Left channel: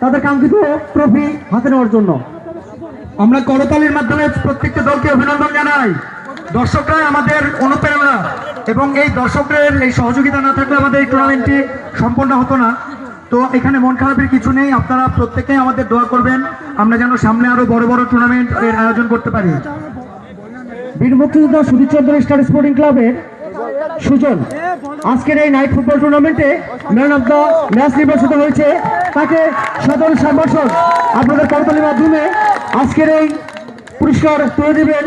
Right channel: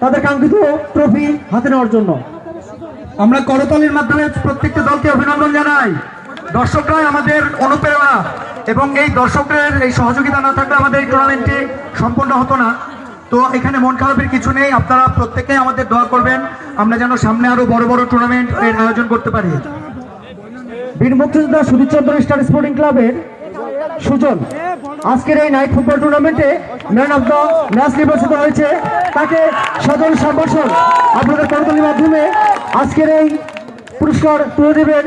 তাদের কাঙ্ক্ষিত ট্রফি হাতে নেওয়ার জন্য। আমরা করতালির মাধ্যমে প্রত্যেকটা দলকে অভিনন্দন জানাই। দর্শকরাই আমাদের অনুপ্রেরণা এবং এই দর্শকদের এই সহযোগিতা না থাকলে আমাদের এই টুর্নামেন্টটি সম্পন্ন হতো না। তো এখানে মন খারাপের কিছু নেই, আপনারা প্রত্যেকেই আমাদের দোয়া করবেন আমরা যেন সামনে আরো বড় বড় টুর্নামেন্ট এর আয়োজন করতে পারি। বীর মুক্তিযোদ্ধা সুধীরচন্দ্র স্টার স্পোর্টিং ক্লাবের সুজন আজকের এই নাইট ফুটবল টুর্নামেন্টে ম্যান অফ দ্য ম্যাচ নির্বাচিত হয়েছে। তাকে সদর সম্ভাষণ আপনাদের করতালির মাধ্যমে আজকের এই পুরস্কার তুলে দেবেন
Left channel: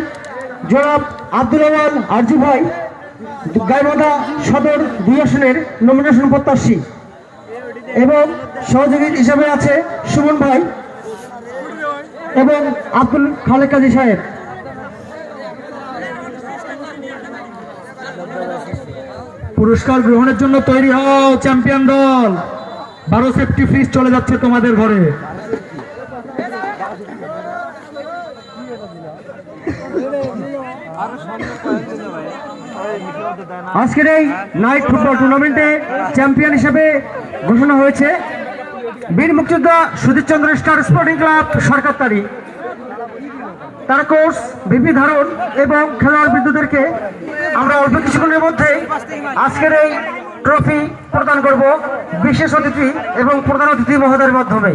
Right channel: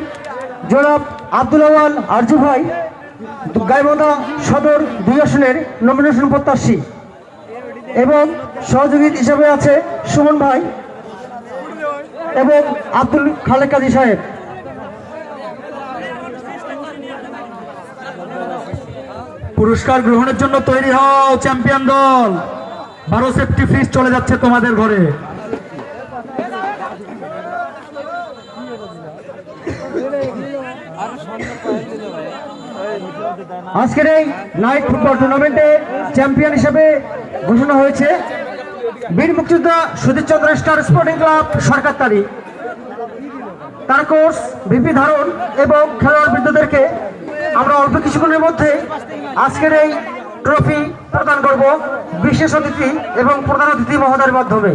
জনাব আব্দুল আওয়াল আরজু ভাই, গাইবান্ধা সদর 2 আসনের নমিনেশন প্রত্যাশী, এবং সহযোগী হিসেবে আছে সুমন ভাই এবং আব্দুল খালেক কাজী সাহেব। পুরস্কার গ্রহণের জন্য তৈরি হও চ্যাম্পিয়ন দল। 12 সেফটি ফ্রিজ চলে যাচ্ছে তোমাদের ঘরে। আজকের এই নাইট ফুটবল টুর্নামেন্টে চ্যাম্পিয়ন হিসেবে ঘোষণা হয়েছে বীর মুক্তিযোদ্ধা সুধীরচন্দ্র স্টার স্পোর্টিং ক্লাব সরকারতারি। তার কোচ ভিপি ধারণ এবং খেলোয়াড় বৃদ্ধদেরকে আমরা অল্প কিছুক্ষণের মধ্যে আজকের এই ট্রফি প্রদান করব বিশেষ অতিথি এবং প্রধান অতিথি মহোদয়ের মাধ্যমে।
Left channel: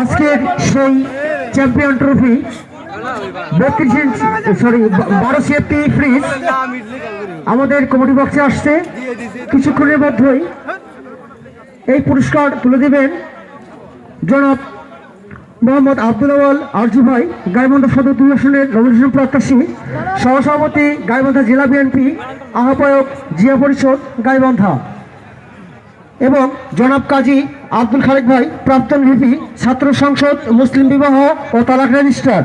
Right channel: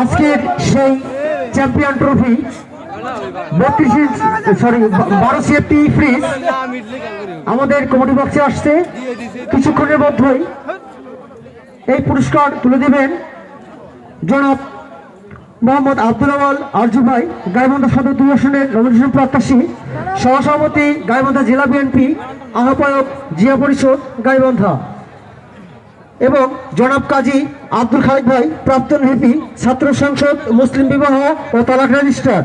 আজকের সেই চ্যাম্পিয়ন ট্রফি 12 সেফটি ফ্রিজ আমাদের কমিটি বক্সে আসছে। কিছুক্ষণের মধ্যেই এই পুরস্কার তুলে দিবেন জনাব মোহাম্মদ আব্দুল আওয়াল আরজু ভাই, গাইবান্ধা সদর 2 আসনের নমিনেশন প্রত্যাশী, সহসভাপতি গাইবান্ধা জেলা বিএনপি, আহ্বায়ক জিয়া পরিষদ গাইবান্ধা, এবং জনাব কাজী আব্দুল খালেক ভাই, প্রাক্তন ভিপি, ছাত্র সংসদ, মুসলিম বিবাহ ও তালাক রেজিস্ট্রার,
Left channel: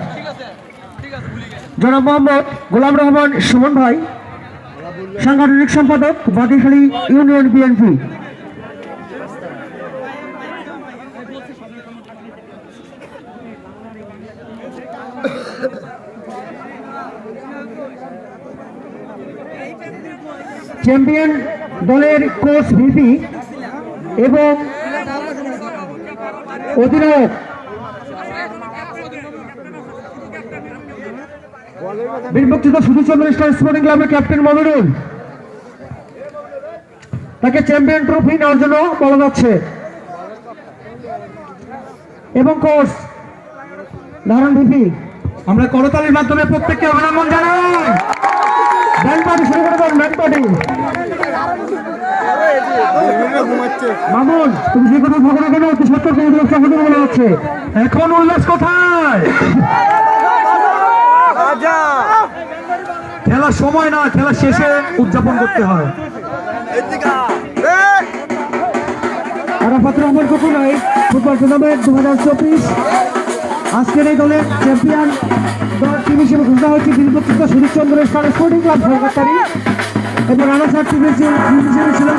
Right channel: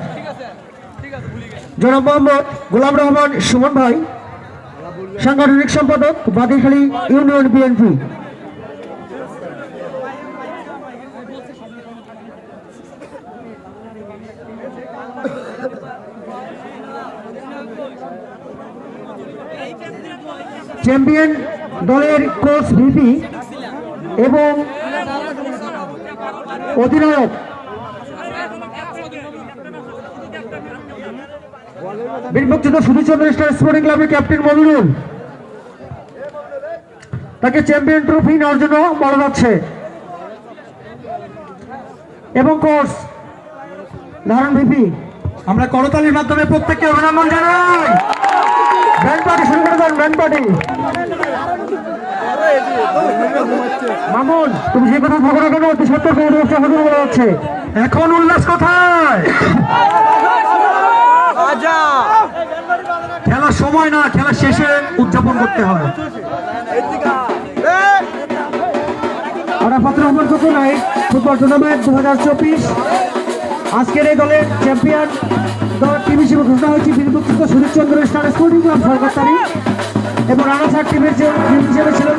জনাব মোহাম্মদ গোলাম রহমান সুমন ভাই, সাংগঠনিক সম্পাদক বাদিখালী ইউনিয়ন বিএনপি। চ্যাম্পিয়ন দলের কোচ ভিপি এবং অধিনায়ক বীর মুক্তিযোদ্ধা সুধীরচন্দ্র স্টার স্পোর্টিং ক্লাবের ক্যাপ্টেন মমিনুল, তাকে চ্যাম্পিয়ন ট্রফি নেওয়ার জন্য বলা যাচ্ছে, এবং কোচ ধারণ ভিপি। আমরা করতালির মাধ্যমে প্রত্যেককে অভিনন্দন জানাই। মামুন, তুমি যে কথা ভাবো না কেন বলা যাচ্ছে। এখন উল্লাস কোথায়? খেলার সময় না, খেলার শেষে উদযাপন করতে হয়। ফুটবল টুর্নামেন্ট 2024 আজকের এই দলের চ্যাম্পিয়ন টিম হিসেবে ঘোষণা হয়েছে বীর মুক্তিযোদ্ধা সুধীরচন্দ্র স্টার স্পোর্টিং ক্লাব সরকারতারি, এবং রানাঘাট টিমের যে হিসেবে ছিলেন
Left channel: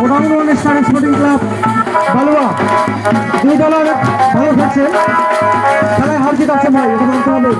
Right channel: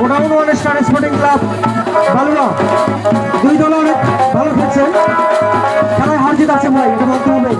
godown star sporting club Balua. 2 দলের ভালো খেলছে, হার জিত আছে ভাই, এটা মানতে হবে।